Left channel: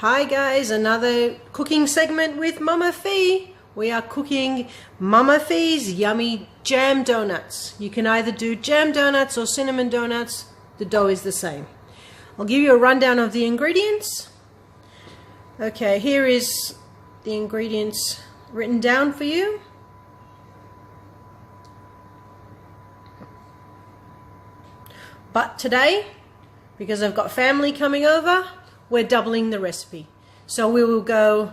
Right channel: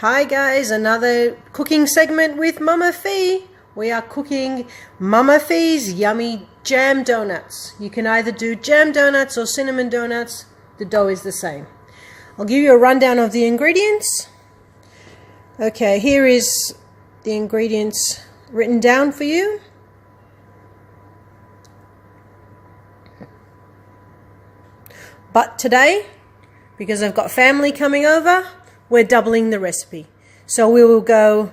Hi guys, another cooking segment with Mumma Fi. We are cooking Mumma Fi's yummy jam donuts. You can either do jam donuts or cinnamon donuts. The dough is the same. I'll give you a rundown of the ingredients. Okay, here is the ingredients written down for you. But today, because I've got family coming over, we're doubling the recipe. So we will go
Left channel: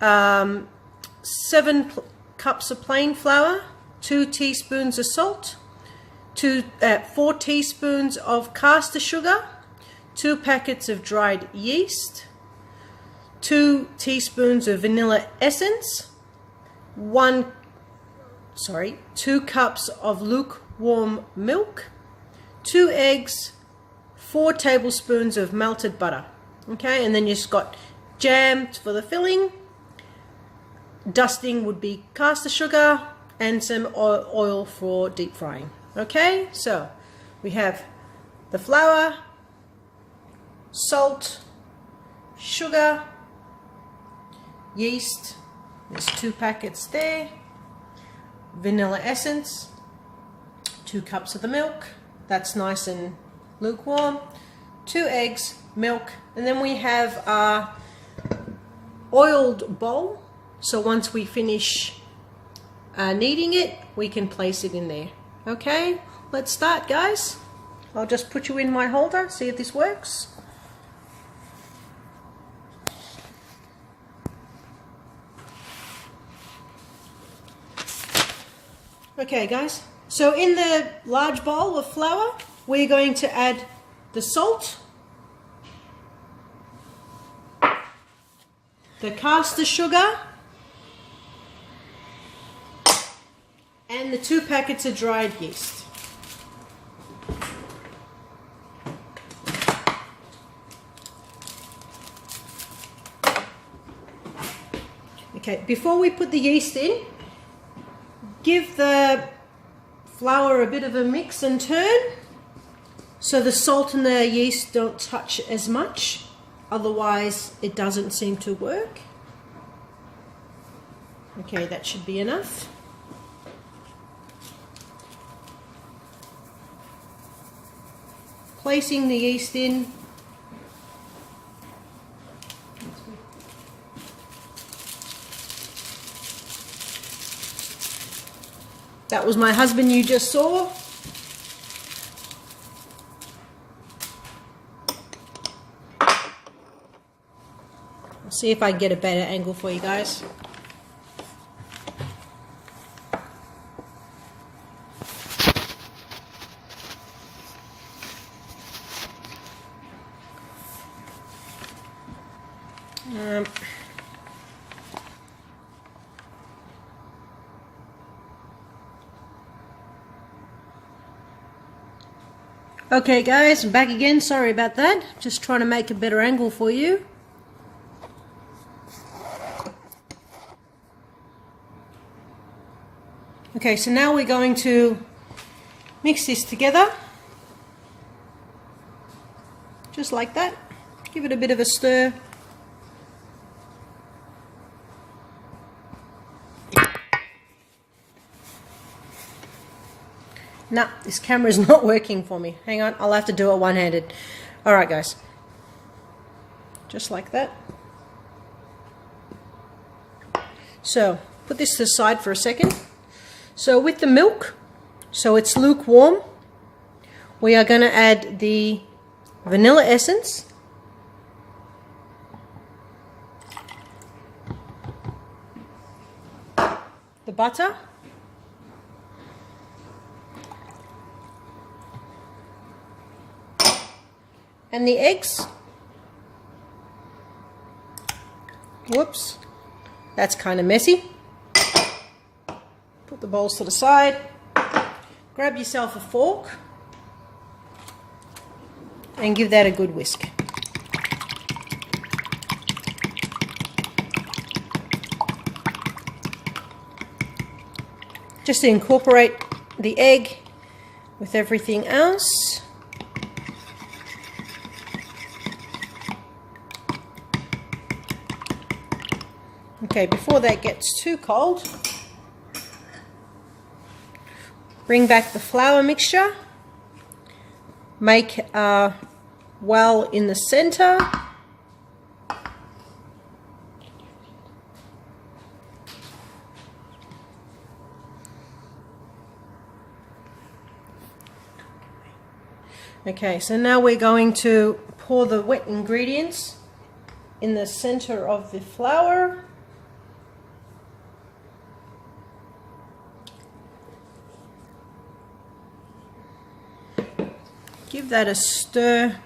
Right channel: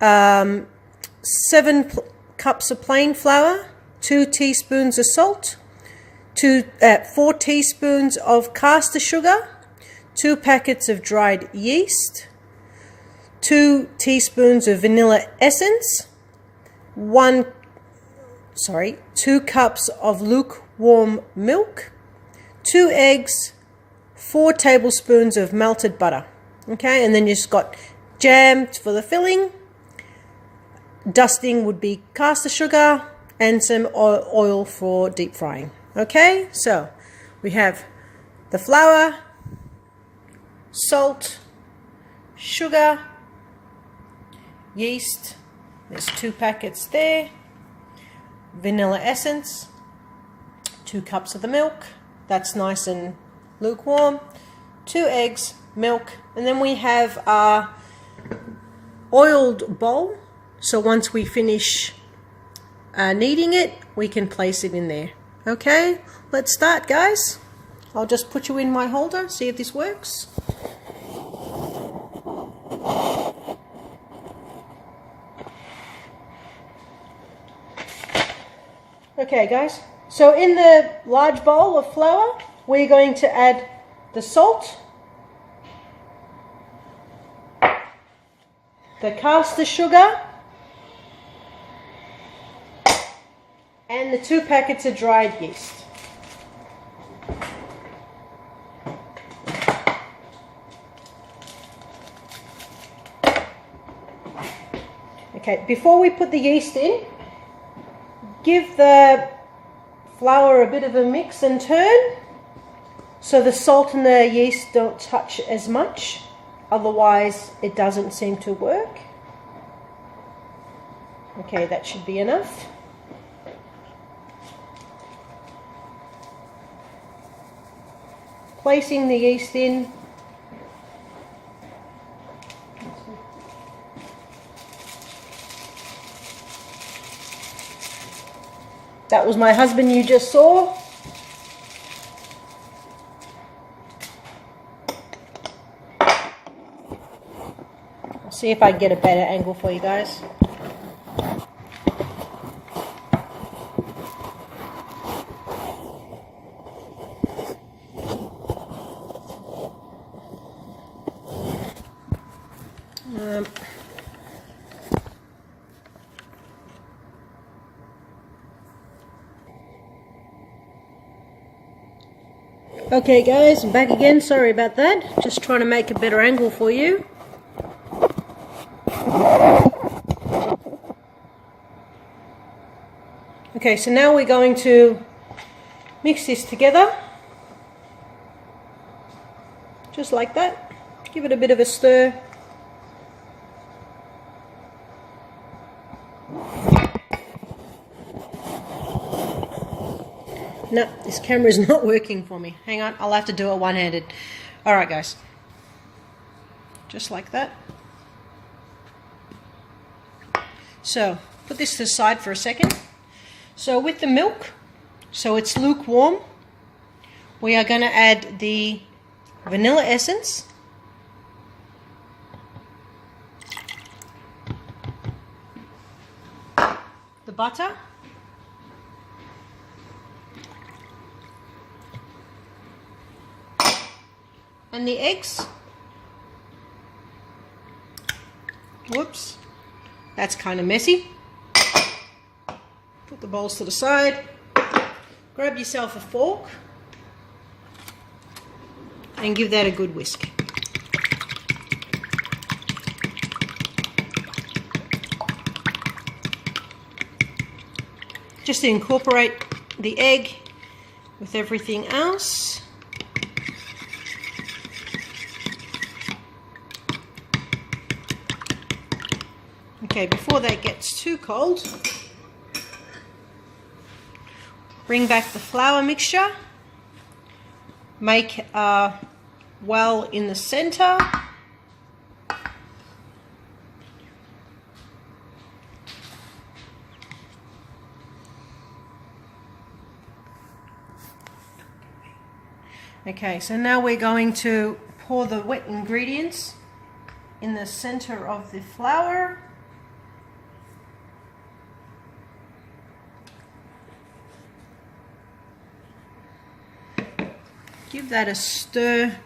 7 cups of plain flour, 2 teaspoons of salt, 4 teaspoons of caster sugar, 2 packets of dried yeast, 2 teaspoons of vanilla essence, 2 cups of lukewarm milk, 2 eggs, 4 tablespoons of melted butter. Okay, and then you just got jam for the filling. Dusting would be caster sugar and some oil for deep frying. Okay, so we have the flour, salt, sugar, yeast, there's 2 packets there, vanilla essence, 2 cups of the milk, that's nice and lukewarm, 2 eggs, milk, and then we have our oiled bowl. So once we finish kneading it, we can place it in there. Okay, let's start, guys. I'll just put you in my holder, see if this works. Okay, guys, so in the large bowl of flour, we're going to add the salt, the caster sugar, and the 2 packets of dried yeast. Okay, before we put the yeast in, give the flour a bit of a mix and turn so the salt and the yeast don't touch as much. Otherwise, it doesn't seem to work. Okay, that should be enough. Placing the yeast in. That was my husband you just saw. I'll see if I can get a better angle for you guys. Okay guys, I'm back again, sorry about that. Just trying to make a better angle for you. Okay, so now we're going to mix this together. Just like that. Give it a bit of a stir. No, this camera is not working for me. Hang on, I'll have to do it one-handed. Alright guys. Just like that. So, put this to the side for a second. So with the milk, so it's lukewarm, we are going to add the vanilla essence. The butter. And the eggs. Whoops, that's kind of messy. Put the bowls to the side. Grab yourself a fork and give that a good whisk. Just to incorporate the egg with everything else. Okay, before that gets too cold, bring back the flour mixture, make a well in the center. Okay, so now we're going to pour the wet ingredients in the center of the flour. Give that a stir.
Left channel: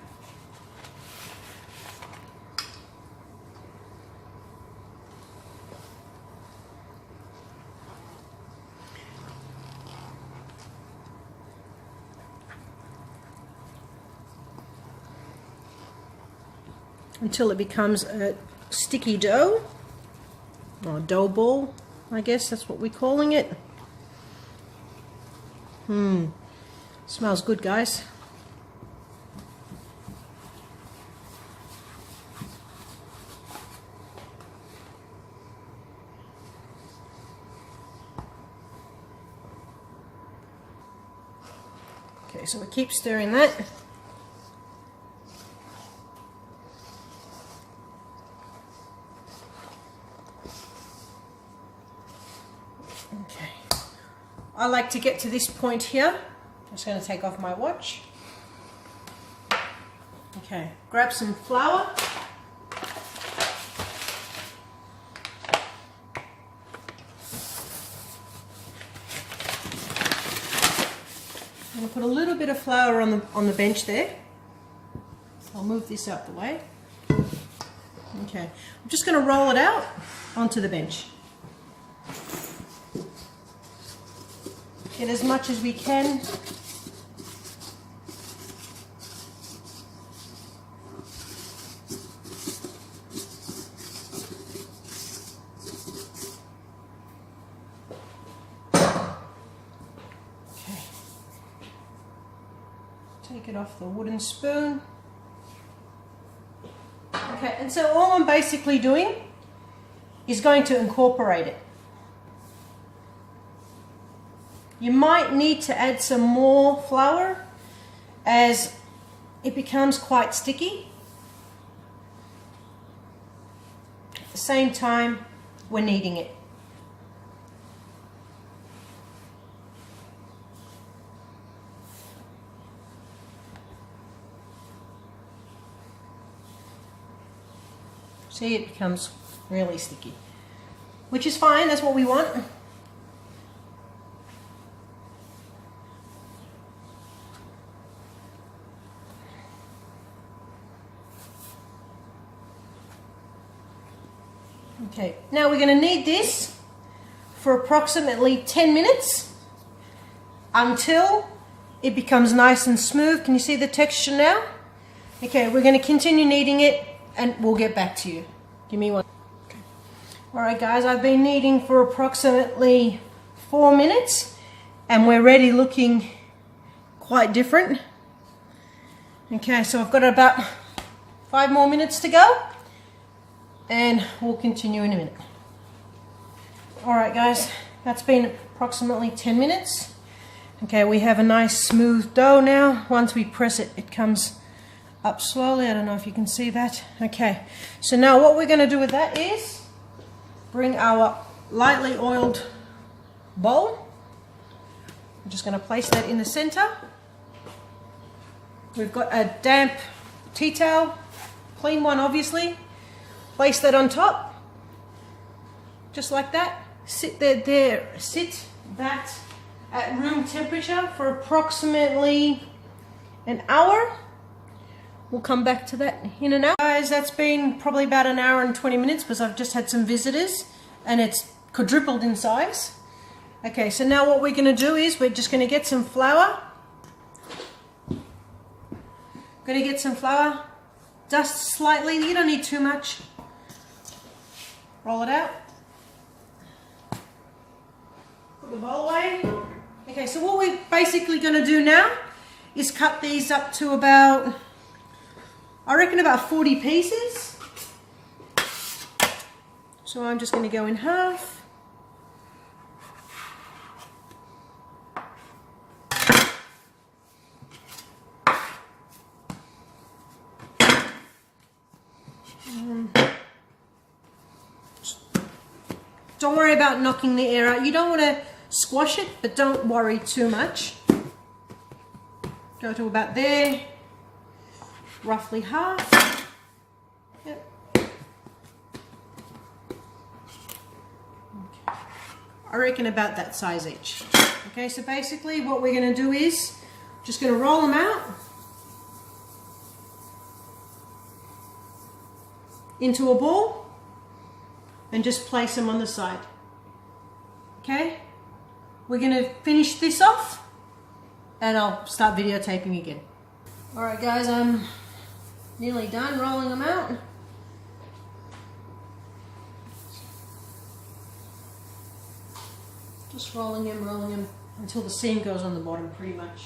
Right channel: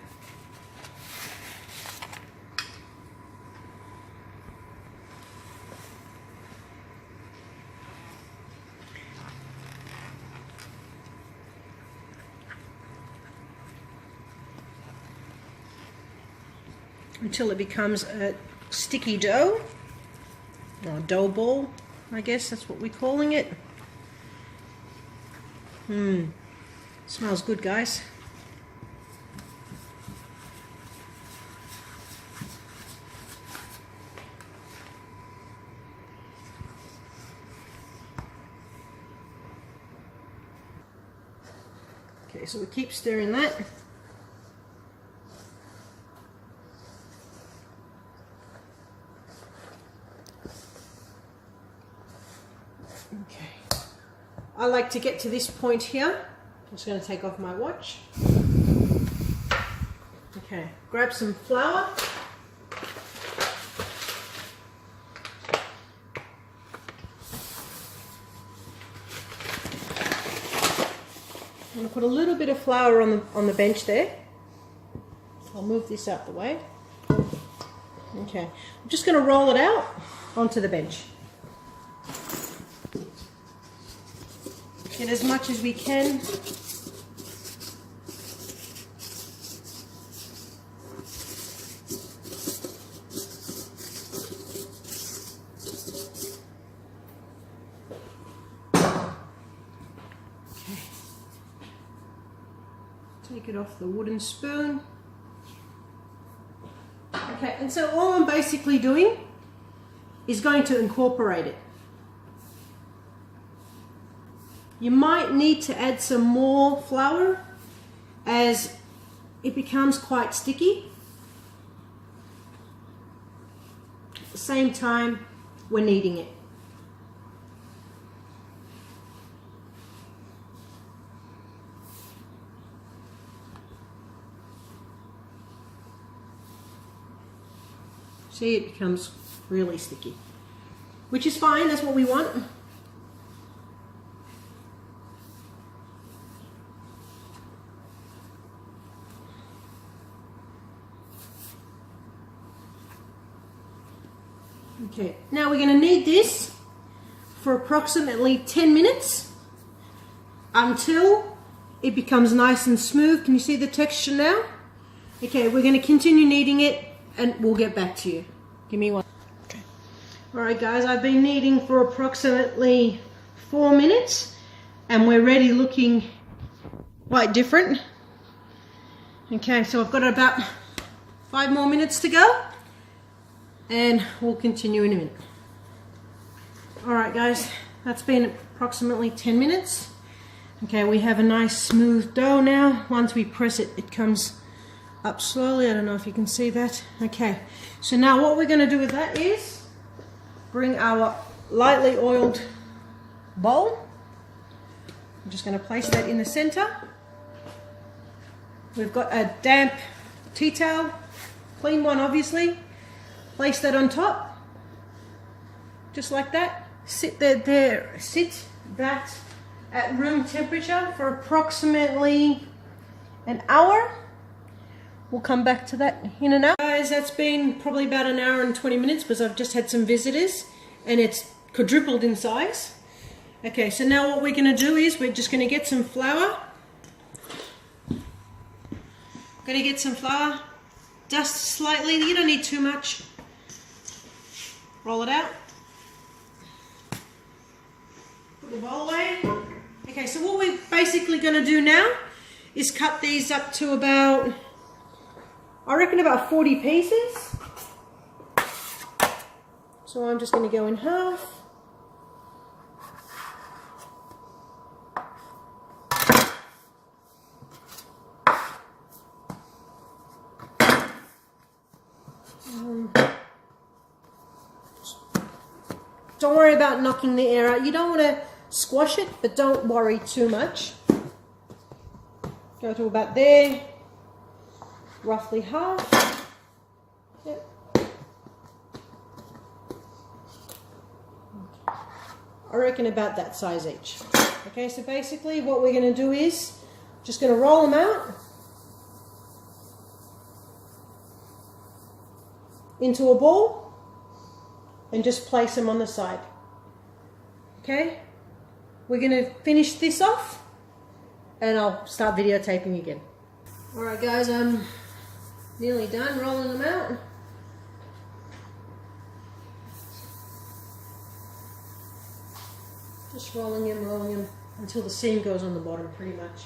Until it becomes a sticky dough, or dough ball, I guess that's what we're calling it. Smells good, guys. Okay, so we keep stirring that. Okay, I like to get to this point here. I'm just going to take off my watch. Okay, grab some flour. I'm going to put a little bit of flour on the bench there. I'll move this out the way. Okay, I'm just going to roll it out onto the bench. Get as much as we can. Okay. Take it off the wooden spoon. Okay, and so all I'm basically doing is going to incorporate it. You might need to add some more flour as it becomes quite sticky. At the same time, we're kneading it. See, it becomes really sticky, which is fine, that's what we want. Okay, now we're going to knead this for approximately 10 minutes until it becomes nice and smooth. Can you see the texture now? Okay, we're going to continue kneading it and we'll get back to you. Give me one. Okay. Alright guys, I've been kneading for approximately 4 minutes and we're already looking quite different. Okay, so I've got about 5 more minutes to go. And we'll continue in a minute. Alright guys, that's been approximately 10 minutes. Okay, we have a nice smooth dough now. Once we press it, it comes up slowly. I don't know if you can see that. Okay, so now what we're going to do with that is bring our lightly oiled bowl. I'm just going to place that in the center. We've got a damp tea towel, clean one obviously. Place that on top, just like that. Sit that at room temperature for approximately an hour. We'll come back to that in an hour. Guys, that's been probably about an hour and 20 minutes because I've just had some visitors and it's quadrupled in size. Okay, so now what we're going to do is we're just going to get some flour. Going to get some flour, dust slightly, you don't need too much. Roll it out. Put the bowl away. Okay, so what we're basically going to do now is cut these up to about, I reckon about 40 pieces. So I'm just going to go in half. Don't worry about knocking the air out. You don't want to squash it, but don't worry too much. Go to about there, roughly half. Yep. I reckon about that size each. Okay, so basically what we're going to do is just going to roll them out into a ball and just place them on the side. Okay, we're going to finish this off and I'll start videotaping again. Alright guys, I'm nearly done rolling them out. Just rolling them until the seam goes on the bottom pretty much.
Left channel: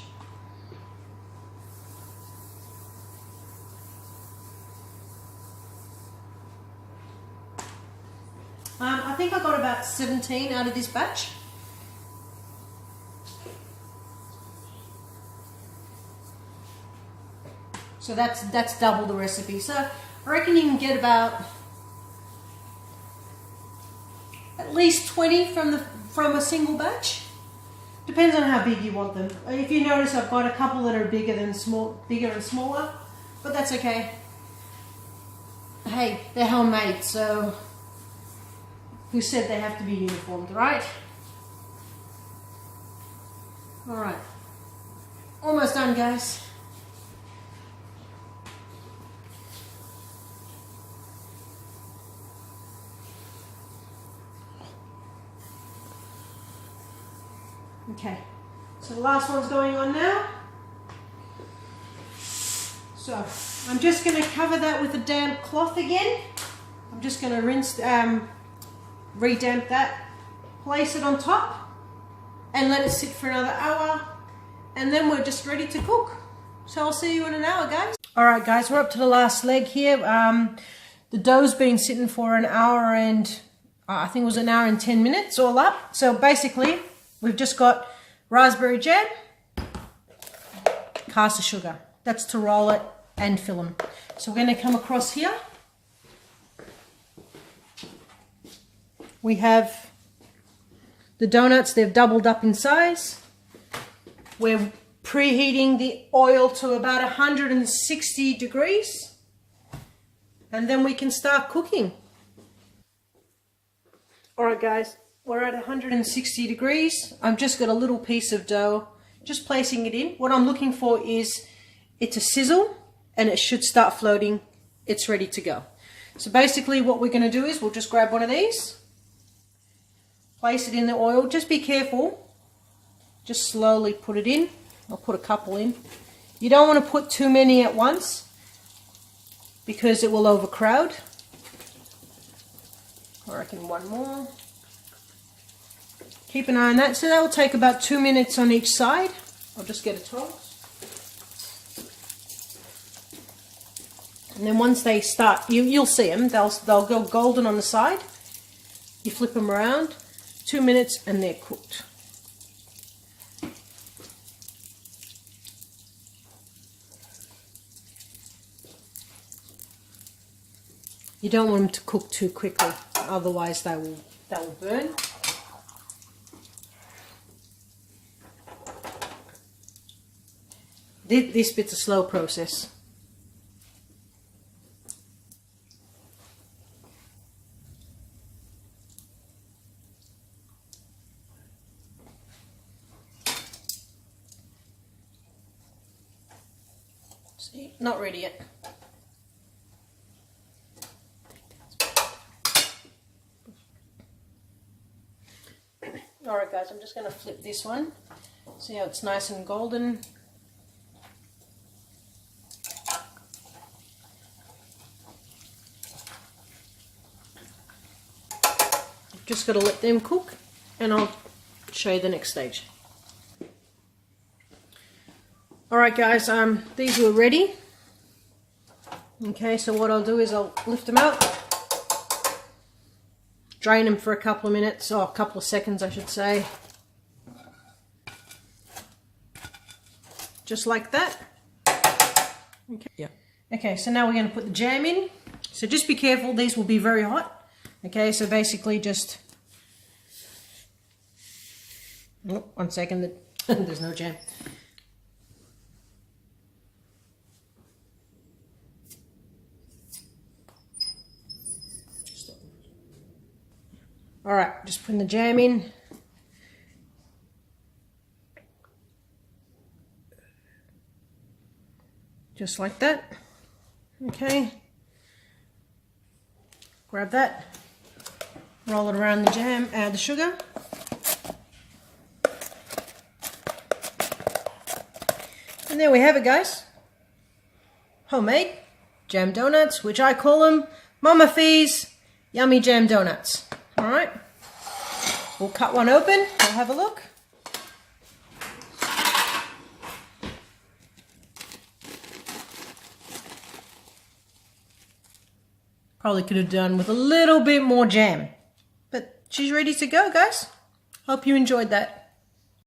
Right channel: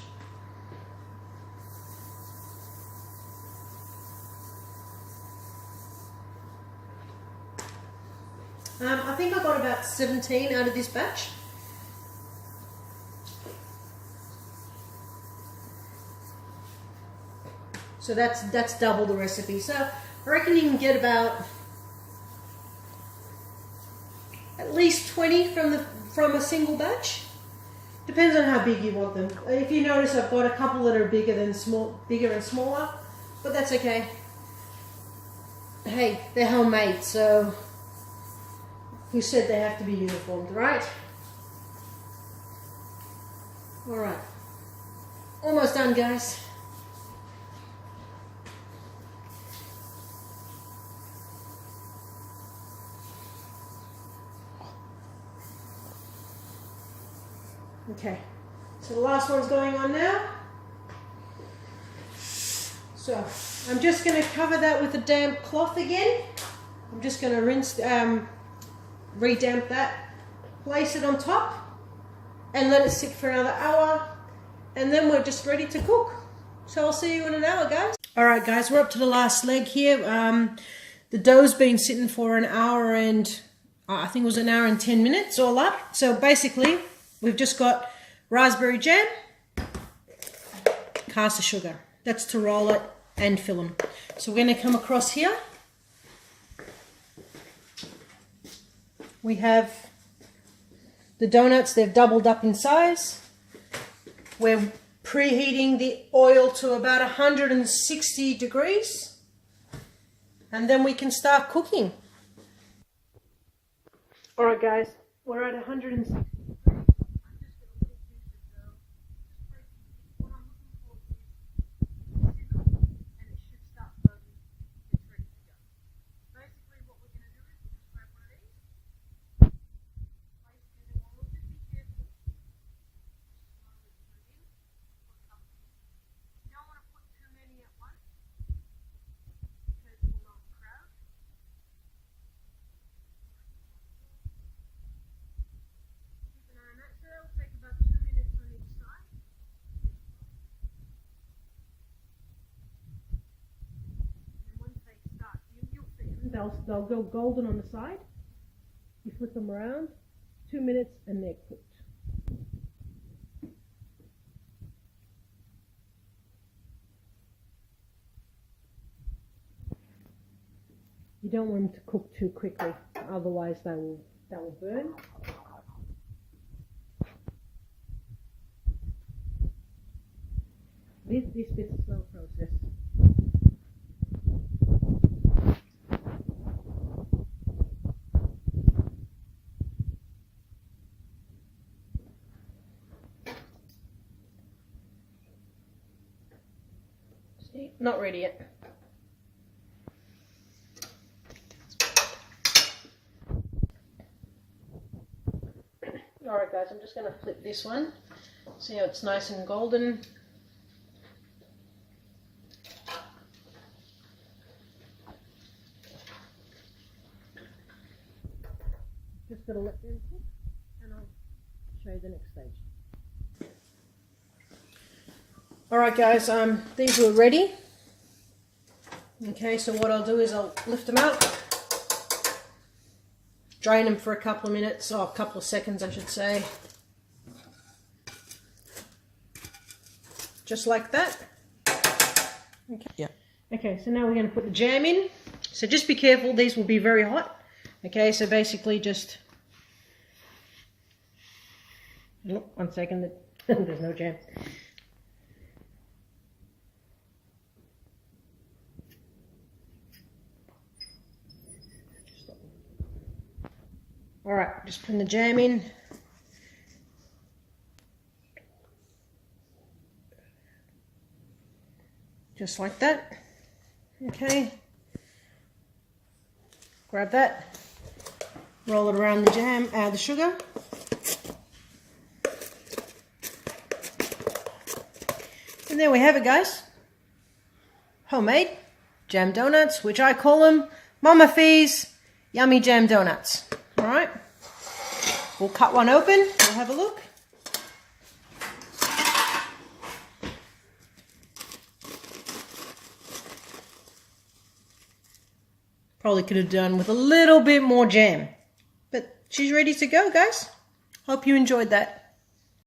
I think I got about 17 out of this batch. So that's double the recipe. So I reckon you can get about at least 20 from a single batch. Depends on how big you want them. If you notice, I've got a couple that are bigger and smaller, but that's okay. Hey, they're homemade, so who said they have to be uniformed, right? All right, almost done, guys. Okay, so the last one's going on now. So I'm just going to cover that with a damp cloth again. I'm just going to rinse, re-damp that, place it on top and let it sit for another hour, and then we're just ready to cook. So I'll see you in an hour, guys. Alright guys, we're up to the last leg here. The dough's been sitting for an hour and I think it was an hour and 10 minutes all up. So basically we've just got raspberry jam, caster sugar. That's to roll it and fill them. So we're going to come across here. We have the donuts, they've doubled up in size. We're preheating the oil to about 160 degrees. And then we can start cooking. Alright guys, we're at 160 degrees. I've just got a little piece of dough, just placing it in. What I'm looking for is it to sizzle and it should start floating. It's ready to go. So basically what we're going to do is we'll just grab one of these, place it in the oil. Just be careful. Just slowly put it in. I'll put a couple in. You don't want to put too many at once because it will overcrowd. I reckon one more. Keep an eye on that. So that will take about 2 minutes on each side. I'll just get a toss. And then once they start, you'll see them. They'll go golden on the side. You flip them around. 2 minutes and they're cooked. You don't want them to cook too quickly, otherwise they will burn. This bit's a slow process. See, not ready yet. Alright guys, I'm just going to flip this one. See how it's nice and golden. Just got to let them cook and I'll show you the next stage. Alright guys, these were ready. Okay, so what I'll do is I'll lift them out. drain them for a couple of minutes, or a couple of seconds I should say. Just like that. Okay. Yeah. Okay, so now we're going to put the jam in. So just be careful, these will be very hot. Okay, so basically just... Oh, 1 second, there's no jam. All right, just putting the jam in. Just like that. Okay. Grab that. Roll it around the jam, add the sugar. And there we have it, guys. Homemade jam donuts, which I call them Mumma Fi's Yummy Jam Donuts. All right. We'll cut one open. We'll have a look. Probably could have done with a little bit more jam. But she's ready to go, guys. Hope you enjoyed that.